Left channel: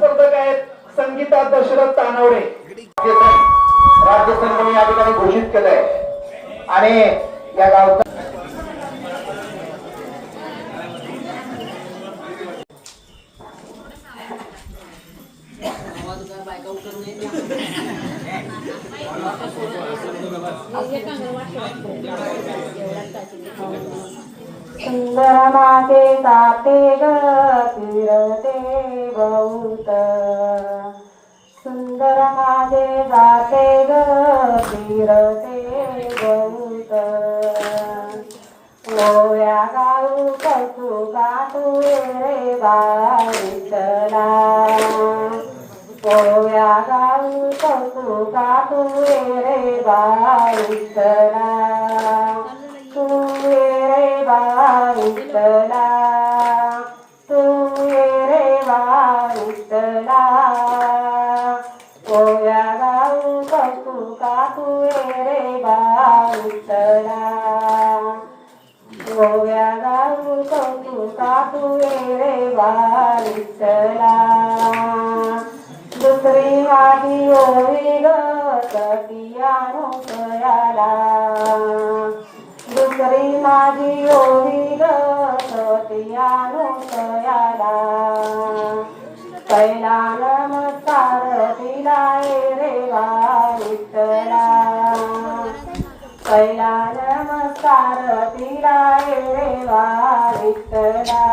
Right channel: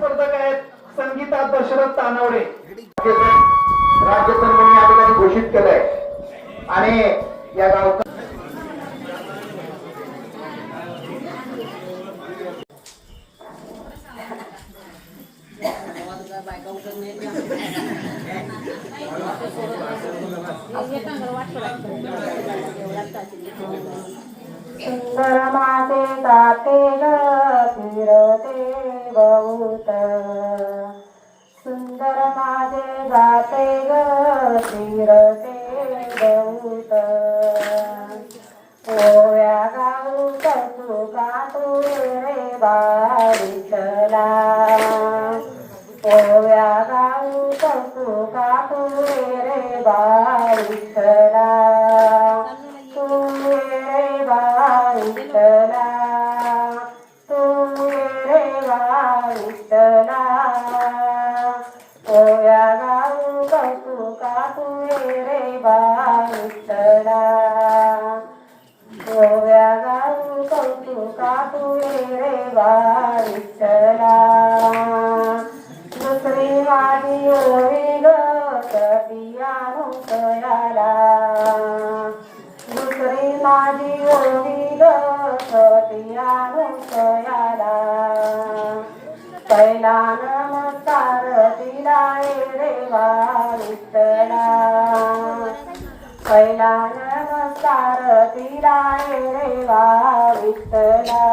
स्पर्धक आहेत. संगीता दशरथ तानवडे. राज्य सन्मानी या ठिकाणी घोषित केलंय. आणि या गावचा सुंदर मागे जाते ग फिरते बहुत सुंदर माझे गाते गिरते गौत ओव्या गाऊ कसू गातू रे बारिशला ओव्या गाऊ कसू गातू रे बारिशला तू रे बारिशला विठ्ठला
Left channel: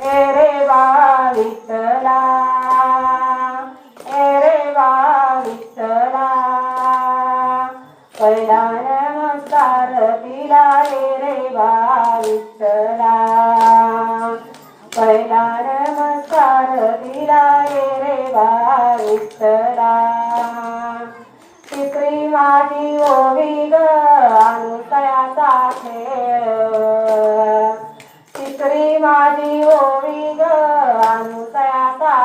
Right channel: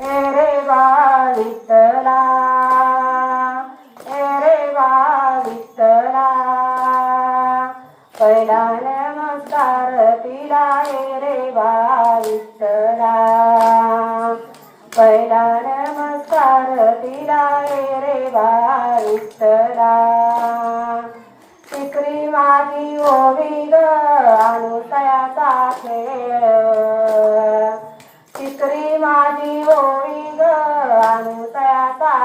ए रे वा विठ्ठला ए रे वा विठ्ठला पहिला नमस्कार तिला ए वा विठ्ठला पहिला नमस्कार तिला रे वा विठ्ठला. तिसरी माझी ओवी ग अनुतयाचा खेळ. माझी ओवी ग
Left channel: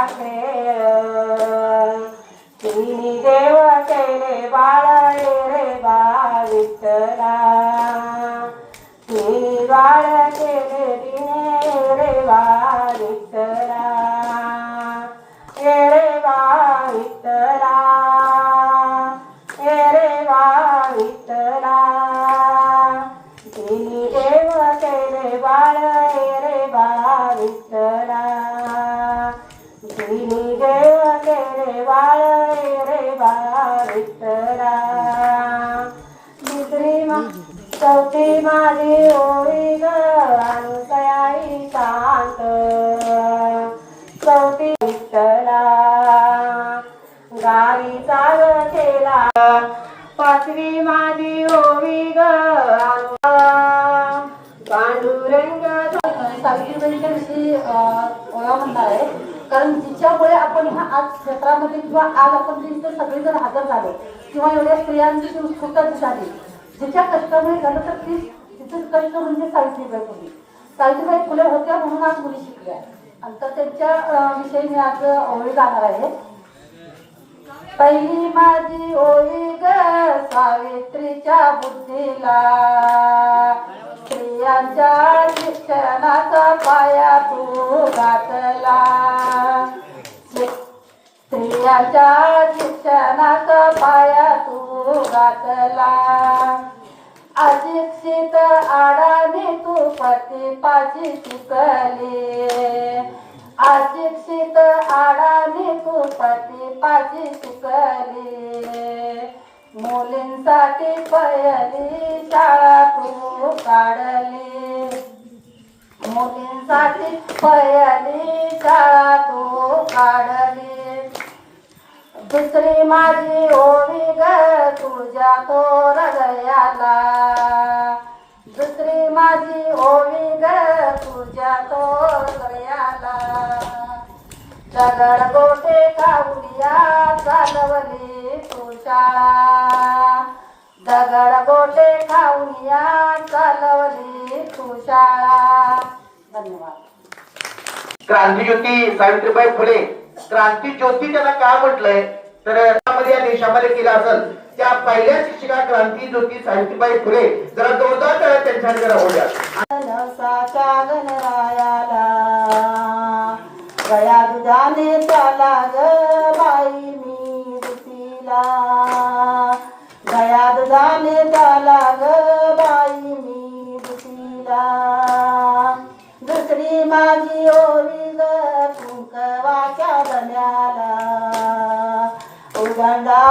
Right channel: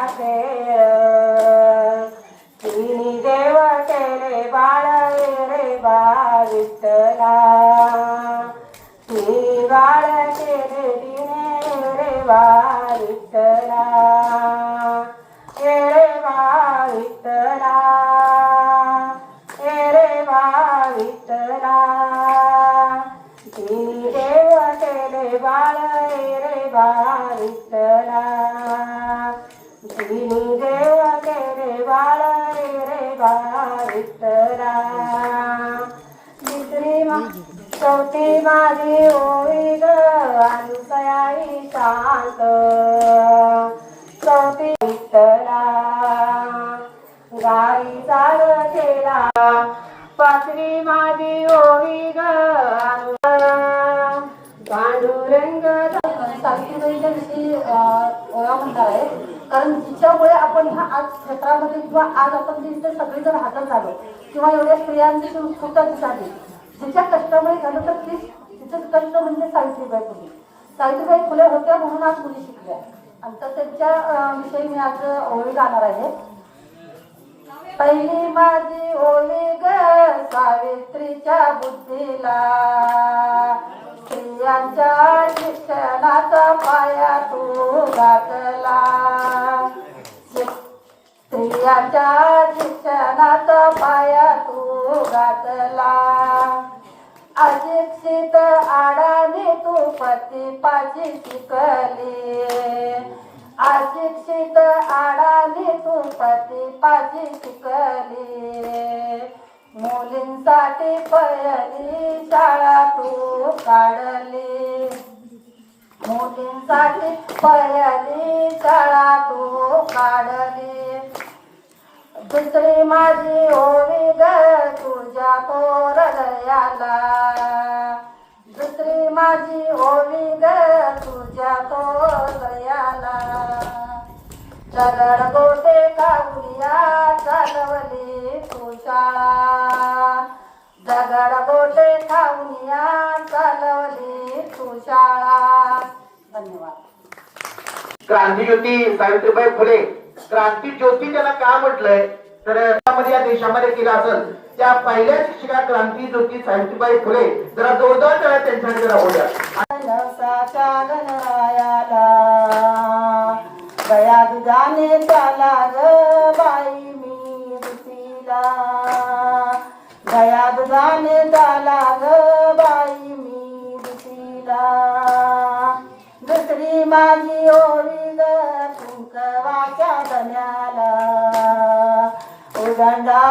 खेळ माझी ओवी ग पांडुरंग विषयी ओळा म्हणणार आहे कारण जिच्यामुळे आपण ह्या आज क्षेत्रामध्ये किंवा आज आपण जिथे सगळेजण हजर झालो किंवा एवढ्या स्त्रियांची उत्सुकता झाली जिच्या कष्टामुळे झालं तर ती तिचं कष्ट म्हणजे सावित्रीबाई फुले सावित्रीबाई फुले होत्या म्हणून आज मुली शिकल्या. आणि तर त्यांच्या विषयी मी आज ओळी जाणार आहे. पहिली माझी ओळी ग सावित्रीच्या बुद्धीला. स्त्रियांच्या शिक्षणाचा पाया तू घातला स्त्रियांच्या शिक्षणाचा चालवली तुषाळा. दगड गोटे खाऊया चालवली धन्यवाद. क्रांतीज्योती सावित्रीबाई फुले. क्रांती ज्योती त्याला का म्हटलंय? तर या देशामध्ये केलं असेल. त्या पहिल्या शिक्षिका क्रांती ज्योती सावित्रीबाई फुले. जरा जोरदार टाळ्या त्यांच्यासाठी जरा गणरायाला गया दुधाने त्याला ग त्याला ग बाई मी दुखीला दुसरी माझी ओळी ग कुंकवाच्या बन्याला उगंदा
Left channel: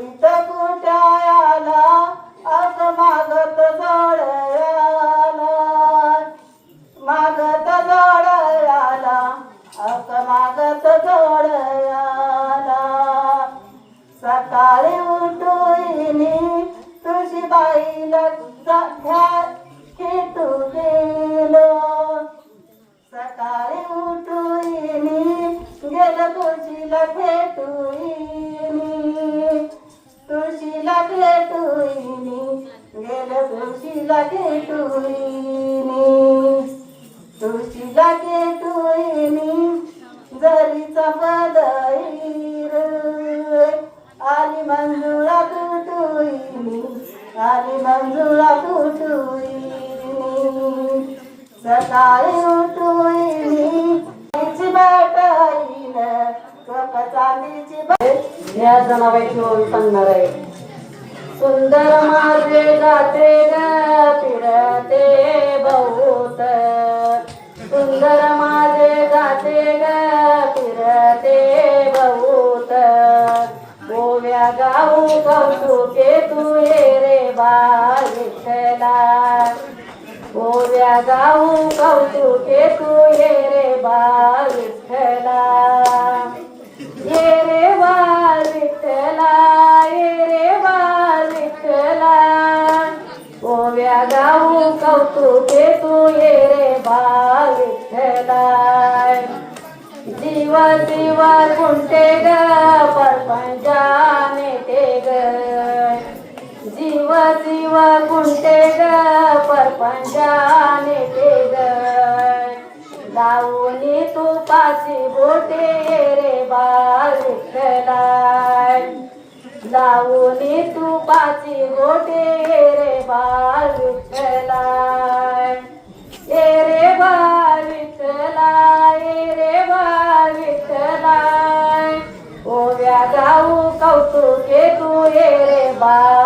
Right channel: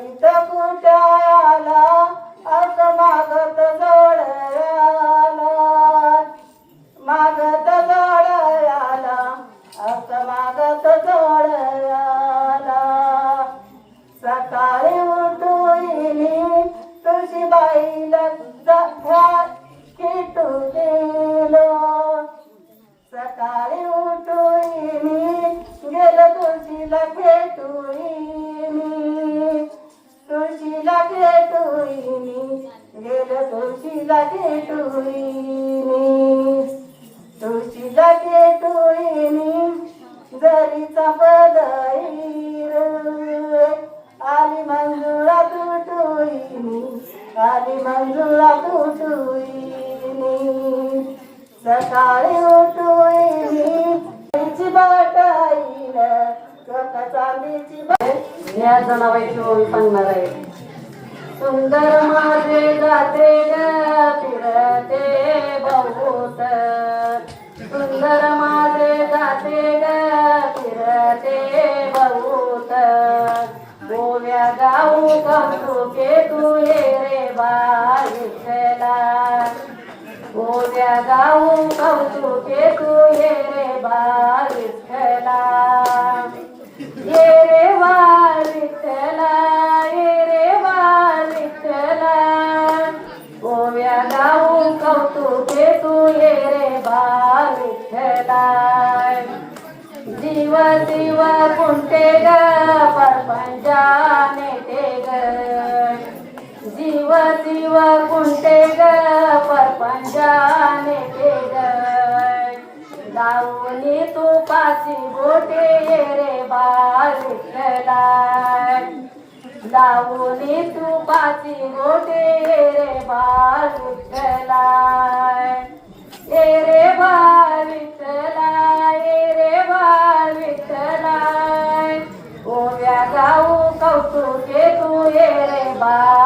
जोडीत कुट्याला अग मागत जोडयाला मागत जोडयाला अक मागत जोडयाला सकाळी उठून तुझी बाईला घ्या खेटू गेलो. सकाळी उठून गेलो तुळशीला भेटून तुळशीला भेटून गेलो तुळशीला भेटून तुळशीला भेटून जरीचा पदईर आली मंजुळा तुटुईनी आली मंजुळा या जनाबाईची बोल सांगणार आहे? सुंदर माझे जाते पिळते बहुत. सुंदर माझे जाते पिळते बहुत. गोव्या गाऊ कौतुके तू ये रे बाला गोव्या गाऊ कौतुके तू ये रे बाला जीव कुंटे ग परपंचाने ते ग. लावणी तू पाची बोटे रे बाळ लावणी तू पाची गोटे रे बाळ ए रे बाळ ए रे बाळ ओव्या गाऊ कौतुके तू ए रे बाल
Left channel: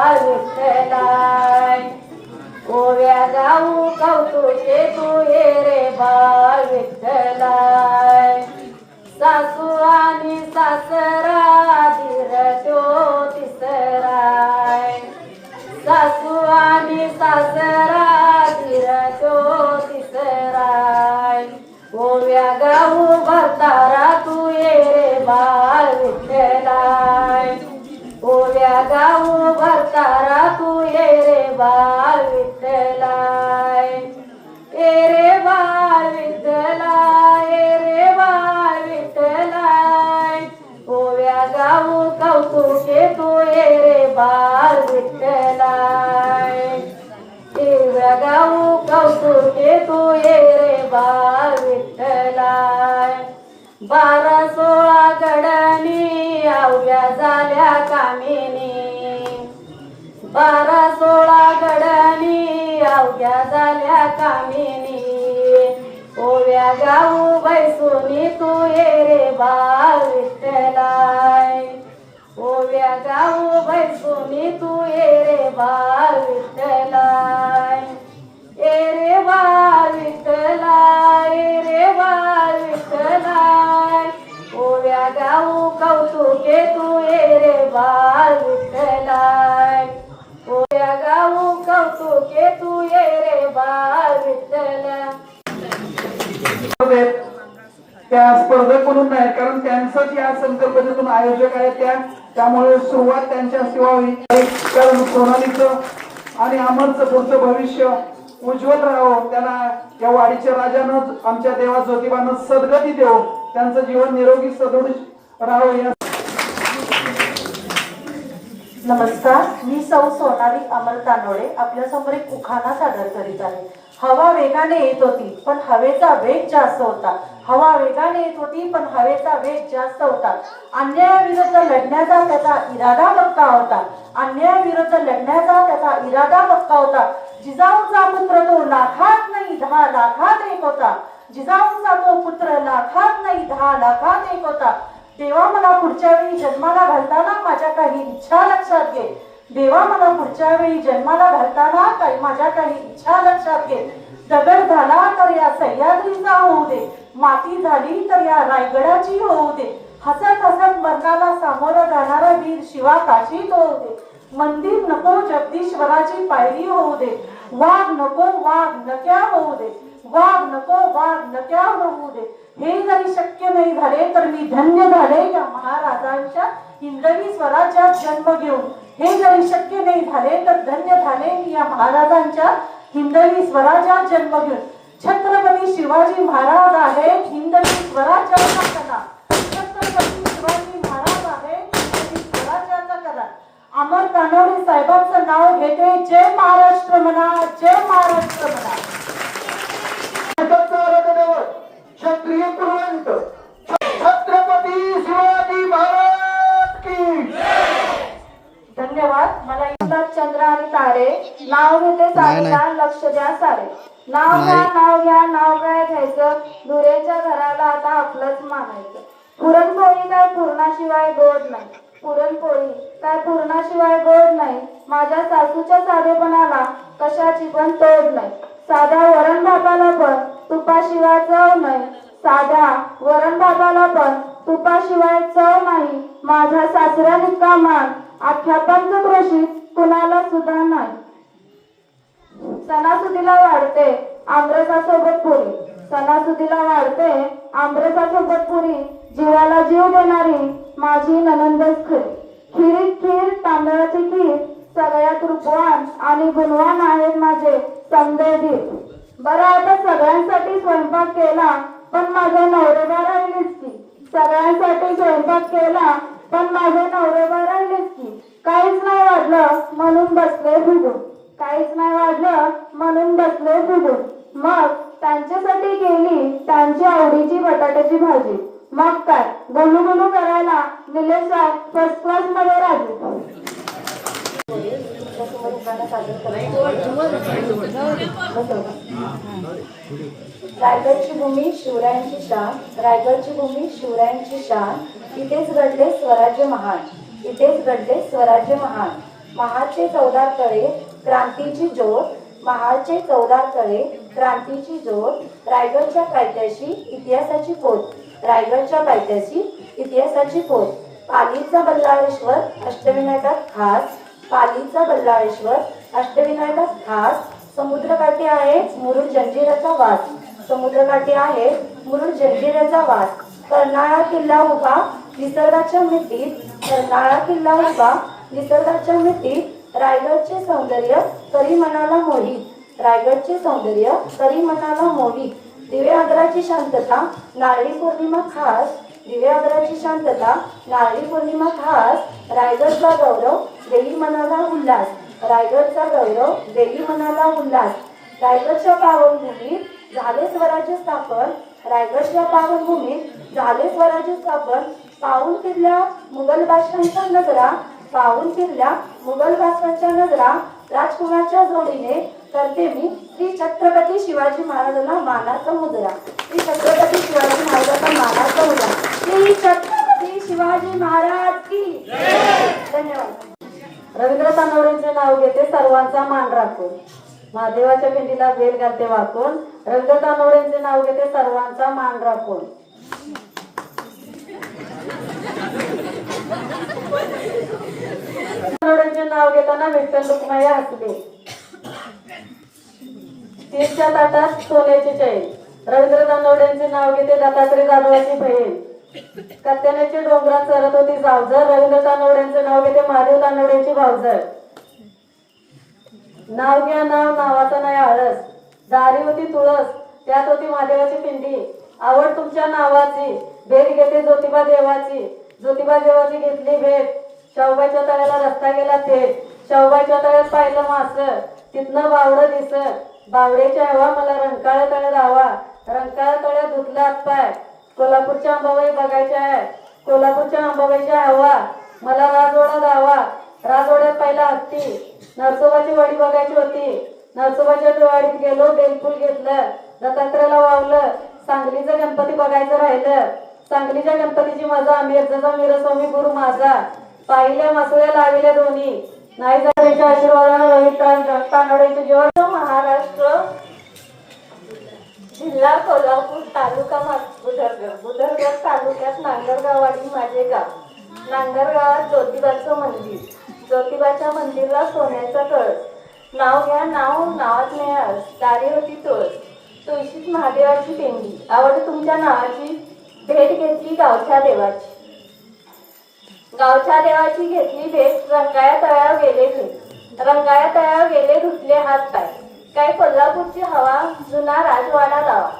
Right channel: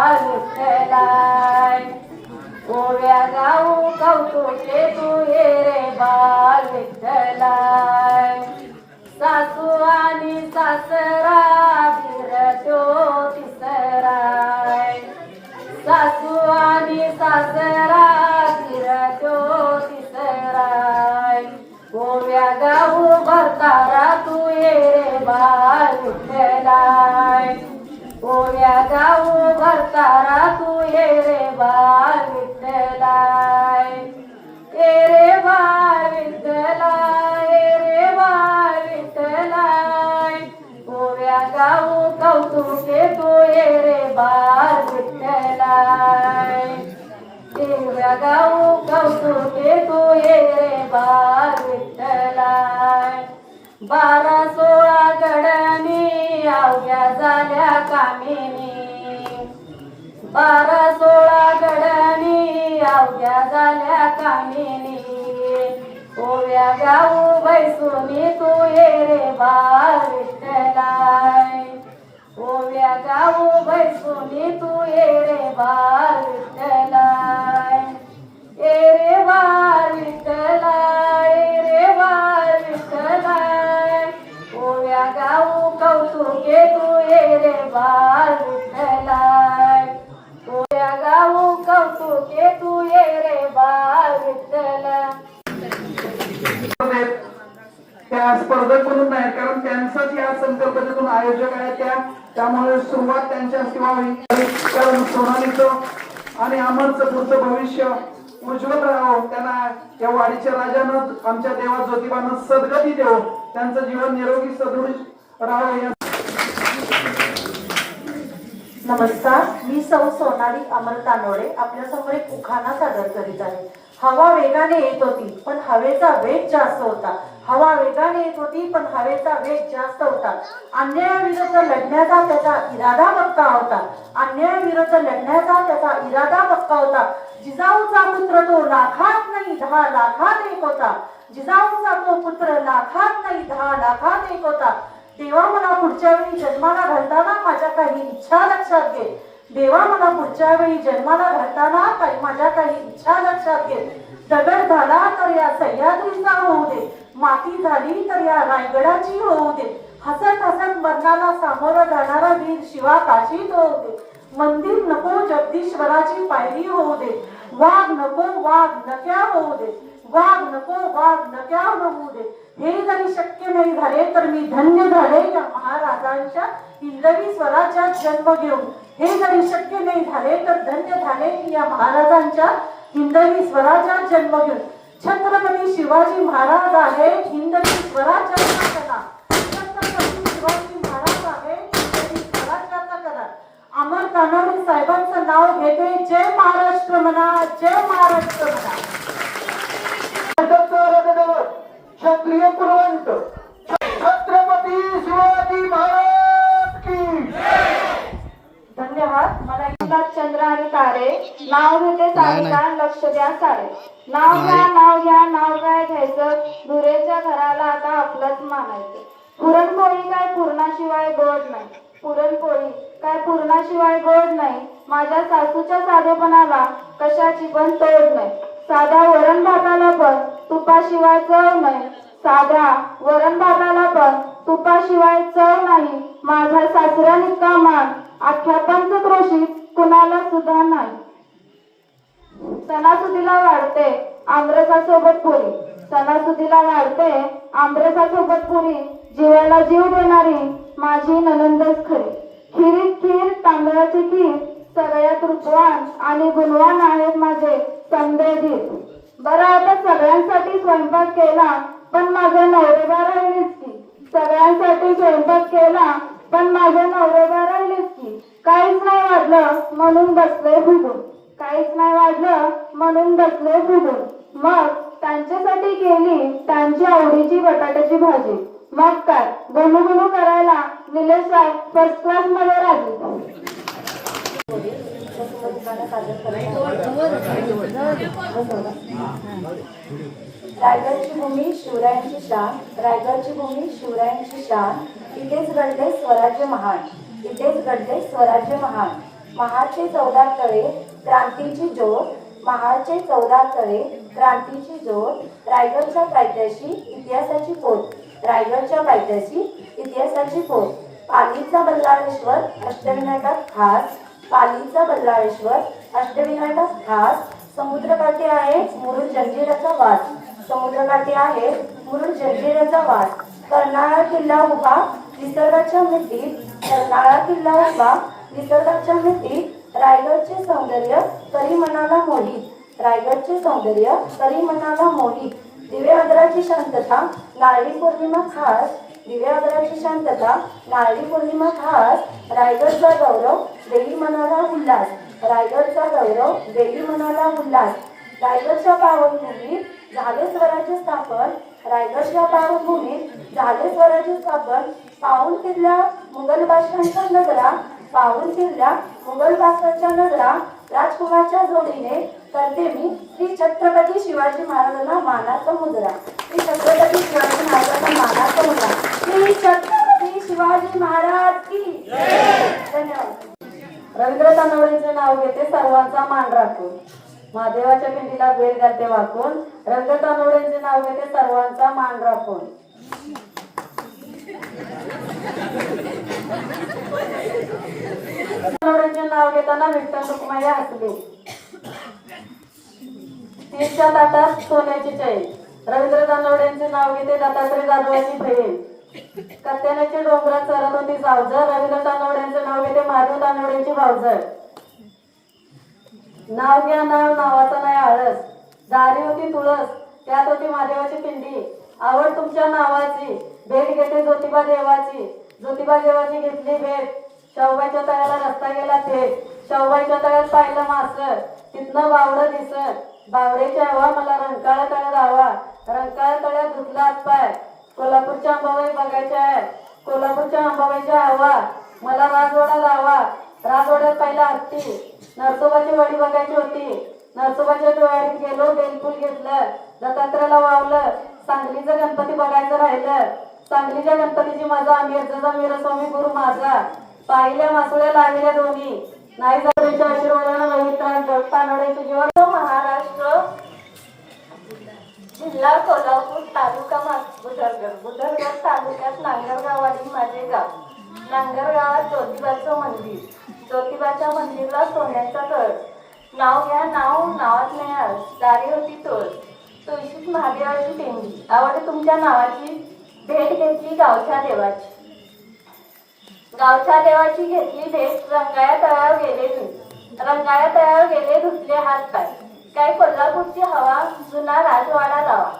गाऊ तू ये रे बाळ विठ्ठला सासू आणि सासरा दिरतो तिसराय. सासू आणि सासरा दिरतो तिसराय. गोव्या गाऊ भरतारा तू ये रे बाळ विठ्ठलाय. गोव्या गाऊ भरतारा तू ये रे बाळ विठ्ठलाय. रे बाळ विठ्ठलाय रे बाळ विठ्ठलाय. ओव्या गाऊ कौतुके तू रे बाळ विठ्ठलाय. देव्या गाऊ कौतुके तू रे बाळ विठ्ठलाय. बारा सोळा गडणी अवघ्या झाल्या कामिनी. बारा सोळा गडणी अवघ्या झाल्या कामिनी. ओव्या गाऊ बैसुनी तू ये रे बाळ विठ्ठलाय. ओव्या गाऊ बैसुनी तू ये रे बाळ विठ्ठलाय. ए रे बाळ करून नाही कारण त्यांचंच या संकल्पनेतून आयोजक आहेत त्या त्यामुळे सुरुवात त्यांच्या सेवा होईल. त्या सोनालीचं आणि अमरचं पुढचं भविष्य उज्ज्वल राहावं. त्याला या वाडीच्या राजानं आमच्या देवा ज्योतिबानं सद्गती देव त्यांचं जीवन निरोगी सदृढ राहावं या नमस्कार मी सौ सोनाली अमर तानोडे आपल्यासमोर एक उखाणा सादर करीत आहे. हवा वेगाने येत होती पण हवेचा वेग जास्त होता. हवा वेगाने येत होती पण हवेचा वेग जास्त होता. अन्यायाविरुद्ध लढण्याचा त्याचा इरादा पक्का होता. अन्यायाविरुद्ध लढण्याचा त्याचा इरादा पक्का होता. जिजाऊचा पुत्र तो लाखात नाही दहा लाखात एक होता. जिजाऊचा तो पुत्र लाखात नाही दहा लाखात एक होता. देवा मला पुढच्या वेळी जन्माला घालताना माझ्या काही इच्छा लक्षात घे. देवा मला पुढच्या वेळी जन्माला घालताना काही माझ्या काही इच्छा लक्षात घे. दगड झाला तर या सह्याद्रीचा होऊ दे. माती झाली तर या रायगडाची होऊ दे. हसत हसत मरणाला सामोरा जाणारा वीर शिवा काशीत होऊ दे. मंदिर नको जगदीश्वराची पायरी होऊ दे. वाघ नको वाघ नक्या होऊ दे. वाघ नको वाघ नक्या होऊ दे. हे जरी शक्य नाही झाले तर मी धन्य झाले या महाराजांच्या हिंदवी स्वराज्यात जन्म घेऊन. हे जरी शक्य नाही झाले तर धन्य झाले या महाराजांच्या हिंदवी स्वराज्यात जन्म घेऊन. छत्रपती शिवाजी महाराज आहेत हिंदवी स्वराज्याचा कला. छत्रपती शिवाजी महाराज आहेत हिंदवी स्वराज्याचा कला. अमर कानोडे साहेबांचं नाव घेते. जय महाराष्ट्र म्हणा जय महाराष्ट्र म्हणा. क्षत्रिय कुलवंत छत्रपती शिवाजी महाराज की धन्यवाद. मला चंद्र आणि तारे नाव घेते सारिका लक्ष द्या सारे. नाव घ्या नाव घ्या नाव काय घ्यायचं? धुरेच्या घराला आता आपलंच मानायचं पुरणपोळी काय पूर्णाशिवाय गोड नाही. पुरणपोळी काय पूर्णाशिवाय गोड नाही. माझ्या सासूच्या साधेपणाला कशाची पण तोड नाही. साध्या वरण भाताला पण तुपाशिवाय चव नाही. साध्या वरण भाताला पण तुपाशिवाय चव नाही. माझा सासरा निका मान अख्ख्या पंचक्रोशी कुणाला सुद्धा नाही. सणासुदीला वाढते आमरसासोबत पुरी. सणासुदीला वाढते आमरसासोबत पुरी. जीवाला जीव देणारी माझी ननंदच खरी. खिरीत खीर तांदळाची खीर सगळ्यात रूपवान आणि गुणवान आहेत माझे संदेधीर बरं आता सगळ्यांसाठी स्वयंपाक केला पण माझ्या नवरेबा राहिलीच की सगळ्यांसाठी स्वयंपाक केला पण माझ्या नवरेबा राहिलीच की काहीच नाही वाढलं म्हणून बसले भिजून काहीच नाही वाढलं म्हणून बसले भिजून मग त्यांच्यासाठी केली त्यांची आवडीची बटाट्याची भाजी मग काय गणुगुणू करायला निलेश फर्स्ट क्लासमध्ये राहिली रायगडची भूमी शिवरायांची शान रायगडची भूमी शिवरायांची शान इथेच घडले स्वराज्य महान इथेच घडले स्वराज्य महान. महाडचे चौदा तळे क्रांतीची जोड महाडचे चौदा तळे क्रांतीची जोड रायगडच्या कायद्याशी इतिहासाची पोत रायगडच्या पायथ्याशी इतिहासाची पोत पालीचा बल्लाळेश्वर अष्टविनायकात खास पालीचा बल्लाळेश्वर अष्टविनायकात खास समुद्रकाठी आहे मुरुड जंजिराचा वास. समुद्रकाठी आहे. मुरुड जंजिराचा वास. कर्नाळा किल्ला उभा. निसर्गाच्या मितीत कर्नाळा किल्ला उभा. निसर्गाच्या मितीत रायगडचे सौंदर्य तरी मनाला मोहित. रायगडचे सौंदर्य तरी मनाला मोहित दिव्यागराची शांतता नारळी पौर्णिमा खास. दिव्यागराची शांतता नारळी पौर्णिमा खास. रायगडचा गौरव देवी मनाला उल्हास. रायगडचा गौरव देवी मनाला उल्हास. रायगडच्या पावनभूमीत झाले स्वराज्य स्थापन रायगडच्या पावनभूमीत झाले स्वराज्य स्थापन पाहून किल्ल्या मुघल बादशांच्या नजरा पाहून किल्ल्या मुघल बादशांच्या नजरा राजकुमारच्या जोडीने करते मी श्री छत्रपती शिवाजी महाराजांना मानाचा मुद्रा. श्री छत्रपती शिवाजी महाराजांना मानाचा मुद्रा. श्री छत्रपती शिवाजी महाराज की धन्यवाद. रवींद्र तांदवडेंचे नाव घेते सर्वांचा मान राखून. महादेवाच्या भेंडीला वेल घालते वाकून. रंगतानोड्यांचे नाव घेते सर्वांचा मान राखून. नाव घेताना विठ्ठल रुक्माई हसले. स्टीलच्या ताटात सोन्याची चैन. रवींद्र दानवड्यांचे नाव घेते दत्तात्रय जाधवाची बहीण. कत्याण्याच्या डोंगरात चरत होती जावजर रवींद्र दानवड्यांचे नाव घेते महादेव दानवड्यांची भावजर नाव घ्या नाव नावाचा नाही आळस. दारी होती तुळस त्यात होती महादेवाची पिंडी. आवड तुमच्या नावाची. भेट घेते ज्योतिबा देवाची. ज्योतिबा देवाची घेतली भेट. शाहूबाईच्या तळ्याला रस्ता गेला थेट. शाहूबाईच्या तळ्यात पाहिलं मासं. तिथनं बावडं दिसत. बावडेची हवा मला रंकाळ्या तळ्यात राहावा रंकाळ्या तळ्यात धुतला पाय कोल्हापूरच्या अंबाबाई बघायच्या आहेत. कोल्हापूरच्या अंबाबाईच्या हवा. मला राजवाडा जावा राजवाड्यात पहिला हत्ती. नरसोबाची वाडी बघायची होती. नरसोबाच्या वाडीत गेलो बेलफूल घेतलं दत्तात्रयाला वावलं सांगलीचं गणपती बघायचं राहिलं. सांगलीच्या गणपतीची मजा मिरजाचा मीरस्वामी गुरु माझा. पाहिल्या मासोळ्या लाविल्या दोन्ही. नाही जाण्याच्या आशीर्वादानं रवी तांदळाच्या जीवन महाराष्ट्र जिल्हा कोल्हापूर तालुका बुधरगड बुधरगड तालुक्यात नांगरगावाडी माझे गाव. नांगर गावात ज्योतिबाचं मंदिर. ज्योतिबाच्या मंदिरला सोन्याचा कळस नाव घ्या नाव नावात नाही आज दारी होती तुळस तुळशीत महादेवाची पेंडी. आवड तुमच्या नावाची. भेट घेतली गावच्या देवाची. गावच्या देवाची घेतली भेट. रंगाया तळ्यावर गेले भेट रंगाया तळ्यावर गेले धुतले हात पाय. काय कोल्हापूरची हवा? जुना राजवाडा लावा.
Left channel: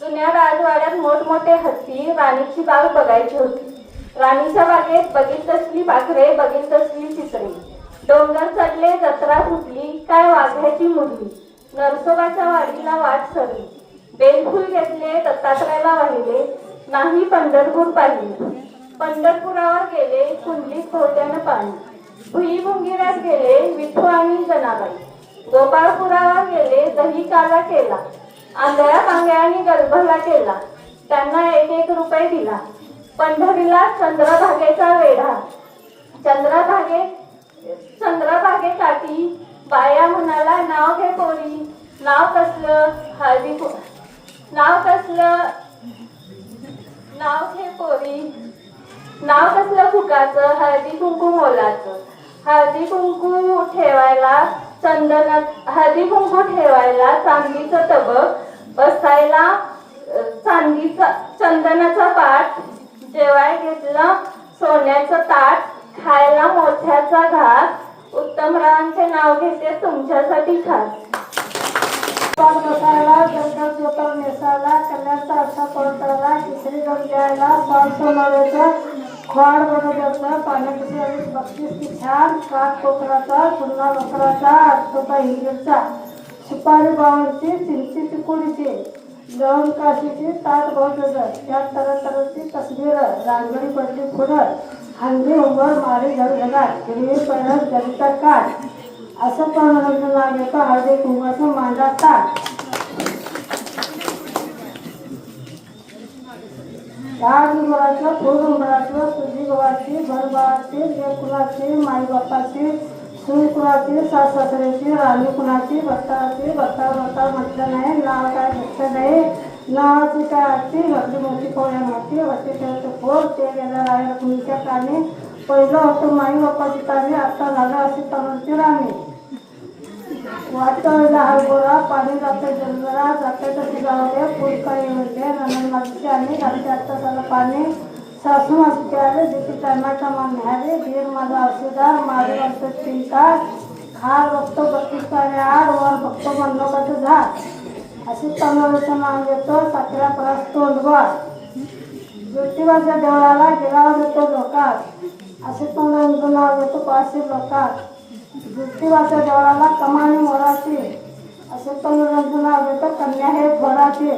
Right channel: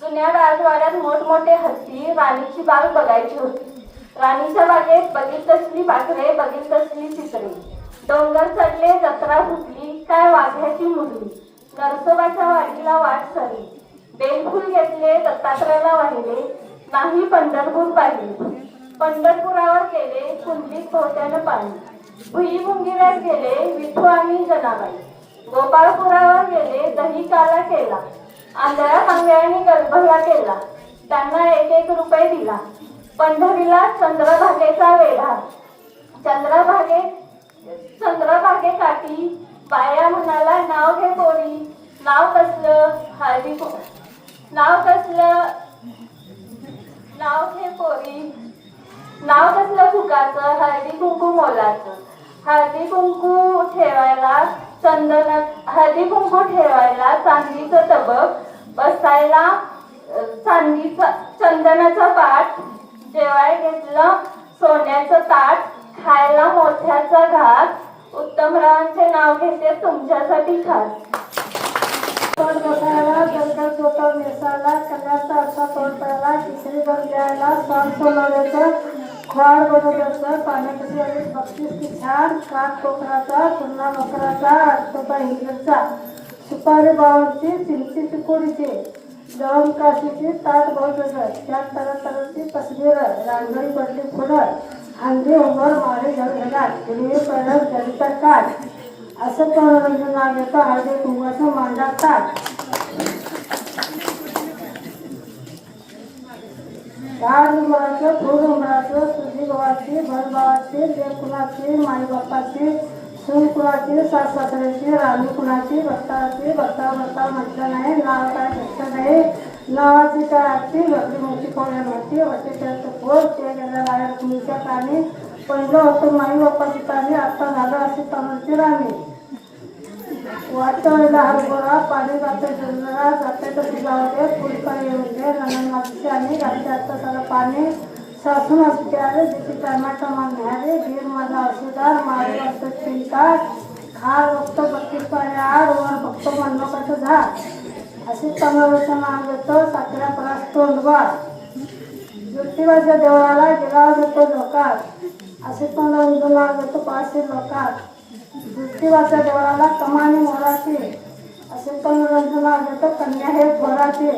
जुन्या राजवाड्यात मोठमोठे हत्ती राणीची बाग बघायची होती. राणीच्या बागेत बघील तसली पाखरे बघील तसली चित्रे. डोंगर चढले जत्रा फुटली काय वाघ्याची मुरली. नरसोबाच्या वाडीला वाट सरली बेलफूल घेतले दत्तात्रयाला वाहिले. नाही पंढरपूर पाहिले. पंढरपुरावर गेले कुंडलीत धोत्यानं पाणी. भुईमुंगिऱ्यात गेले विठू आणि जनाबाई. गोपाळपुरावर गेले दही काला केला. आंधळ्या पांगळ्यांनी गलबहला केला. त्यांना एक एक रुपये दिला. पंढरीला चंद्रभागेचा वेढा. चंद्रभागे चंद्रभागे काठी बाया म्हणाला नाव घे कोणी. नाव कसलं? हळदी नाव कसलं? नाव घे कोणी. नाव कसलं फुकाचं हळदी कुंकू मोलाचं. हळदी कुंकू ठेवायला चंदन हळदी कुंकू ठेवायला चांदीचं तबक बसायला चांदीचा चंदनाचा पाठ जेवाय घेतलं सोन्याचं ताट खायला मोठ्याचा घास उत्तमरावांचे नाव घेते तुमच्यासाठी खास. बसायला जंगल चोकर नेसायला कन्याचा असा परतायला तिसरी गण द्यायला सण सोनाव्याचं खोड बनवल्याचं पाण्याची आणि बक्षीस की छान कान कोकराचा चुना मकराचा आठोपा हिंगीचा सुपारी बावनची चिंचीची कुडीची जाऊन काशीची ताट बसलं त्यात तरह तरहची तस्वीर रांगणी पडली फुडत अंगी उमर मारी घर घरात हिरवी पडत जनिता काट असं मनोरंजन नाव येतं हळदी कुंभाचं मांडा ताट. झाड उंबराचं फूल उंबराचं तुझी गव्हाची भरभावाची लेकुणाची माईबापाची सून कुणाची सासऱ्याची राणी कुणाची भक्ताची भक्ता भक्ता म्हटलं नाही नाव काय घेतलं नाही. नावाची काय असते? भक्ती मोठी कोण्या मोठी वरती त्यांचं पोर ते गेल्या राया तुमच्या कानी पहिलं होतं माई बापाची कानी आता झालं अशी तमरची राणी. वाटवलेला गोरा पाणी जाते जंगला जाते तर गावाते येऊन दे नंतर मागची आणि घरच्या त्याला पाणी. शासन मागची आले जिथे टमाटा मग मिळाले बीर माझा औषधार माझे चिंता खा भक्त बत्तीस आड वर भक्त मंडपाचं झाड. अशी समालोचना नाव घेतो सातऱ्या परास तोंडवा ज्योतिराच्या देवळाला गिराव देतो लोकात असे तोंड नाव येतो पाचशे लोकात ज्योतिराच्या देवळाला कमानी मोराची. असे तमिळचं नाव येतो कन्या हे घोराचे.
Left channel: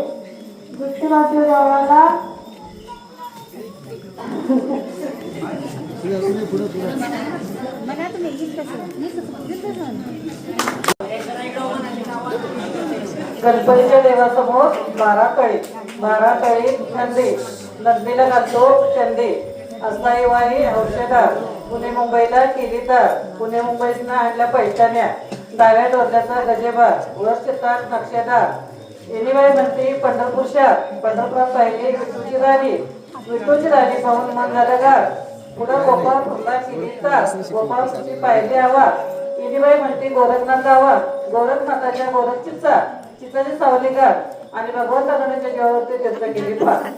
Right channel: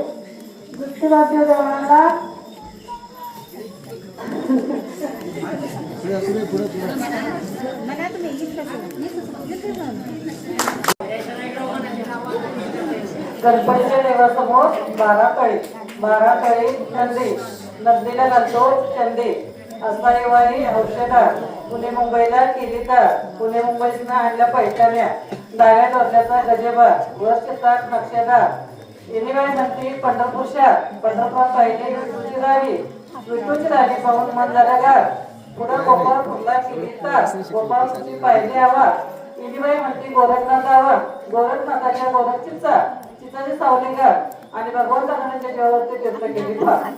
ज्योतिराच्या देवळाला गणपतीच्या देवासमोर बारा कळी बारा कळी चंदी नंदीला घालतो चंदी. अस्ताईवाई औषधार पुणे मुंबईला केलीदार पुणे मुंबईतनं आणल्या पैठण्या. डाव्या डोरल्याचा गजेबार वर चित्रात नक्षेदार. एनिवाय म्हणते पंढरपूरच्या. पंढरपूर पहिले विठूची विठूची राणी पाहून मन झालं गार पुढं गोपाळ फुलला किरीदार गोपाळ तुझी पाहिजे आवाज. इनिबाई म्हणते गोरखनाथ आवाज. गोरखनाथाच्या गोरख चिचा चिचाने सावली गार आणि भगवान जेवावरती चित्र केली फार.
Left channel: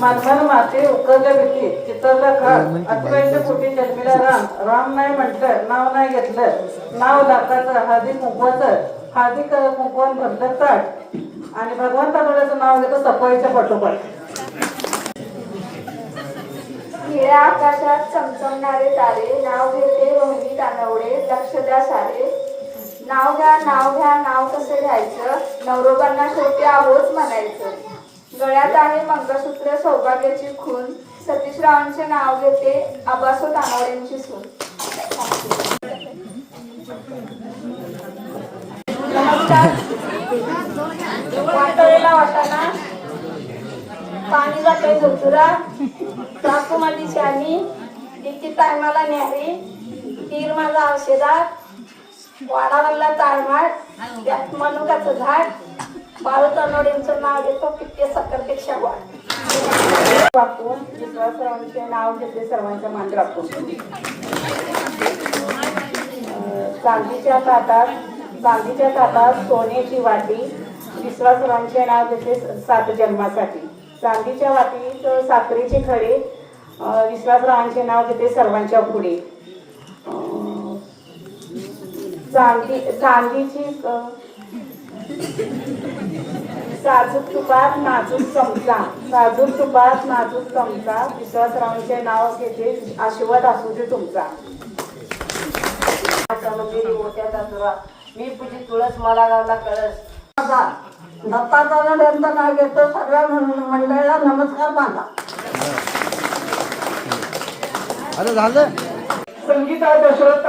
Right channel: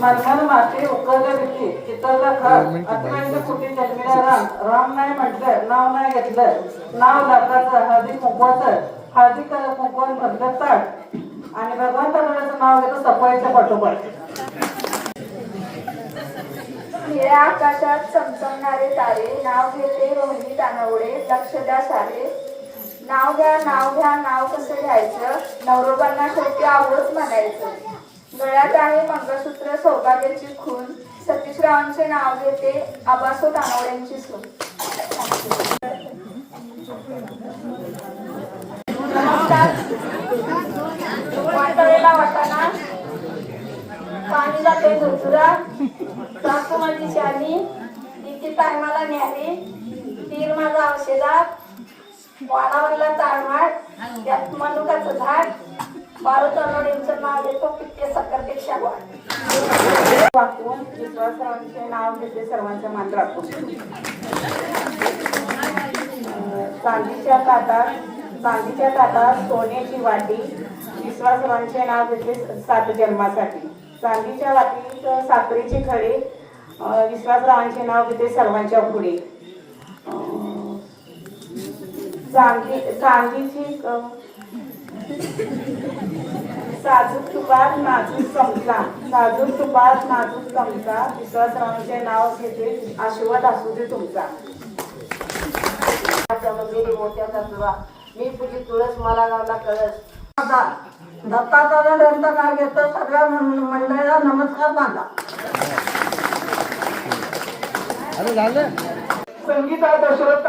मनमन माते उकरल्या भीती चितरला खार अतिवाईच्या पोटी राम? राम नाही म्हटलं नाव नाही घेतलं. नाव लाखाचं हार्दिक मुखवाचं हार्दिक मुखवान भरलं ताट. आणि भगवान तांदळाचं नाव घेतो सफाईच्या पाठोपाठ. निळ्या आकाशात चमचमणारे तारे नाव घेते रोहिणी तानवडे लक्ष द्या सारे. नाव घ्या नाव घ्या नाव कसं घ्यायचं? नवरोबांना शेवटी आहोत म्हणायचं. गळ्यात आहे मंगळसूत्र सौभाग्याची खून. सतीश रावांचे नाव घेते आबासो तानवड्यांची सून. नमस्कार. पाणी जाते झुरझुरा सासू शाली शानी तिची टायमाला न्यारी तीर माझा औषधात. वाडावरला ताळमाट त्यात मनुकाचं झाड. बारा तलवाडींचं नाव देतो पित्ते सकरपेक्षा वाढ. वाकून सरांचे नाव घेते सर्वांच्या मान राखून चांदीच्या ताटात चांदीच्या ताटात सोन्याची वाटी. विश्वासरावांचे नाव घेते सात जन्मासाठी. चांदीच्या वाटीत साखरेचे खडे विश्वासरावांचे नाव घेते सर्वांच्या पुढे. चांदी चांदीची साजूक तुपात नाजूक चमका. साजूक तुपात नाजूक चमका. विश्वासरावांचे नाव घेते आशीर्वाद असू दे तुमचा. मोठ्या मी पूजी तुळस मला गावला कळस. दत्तात्रय यांचं नाव घेतो? सगळ्या मंडळीला नमस्कार माझा संगीता दशरथ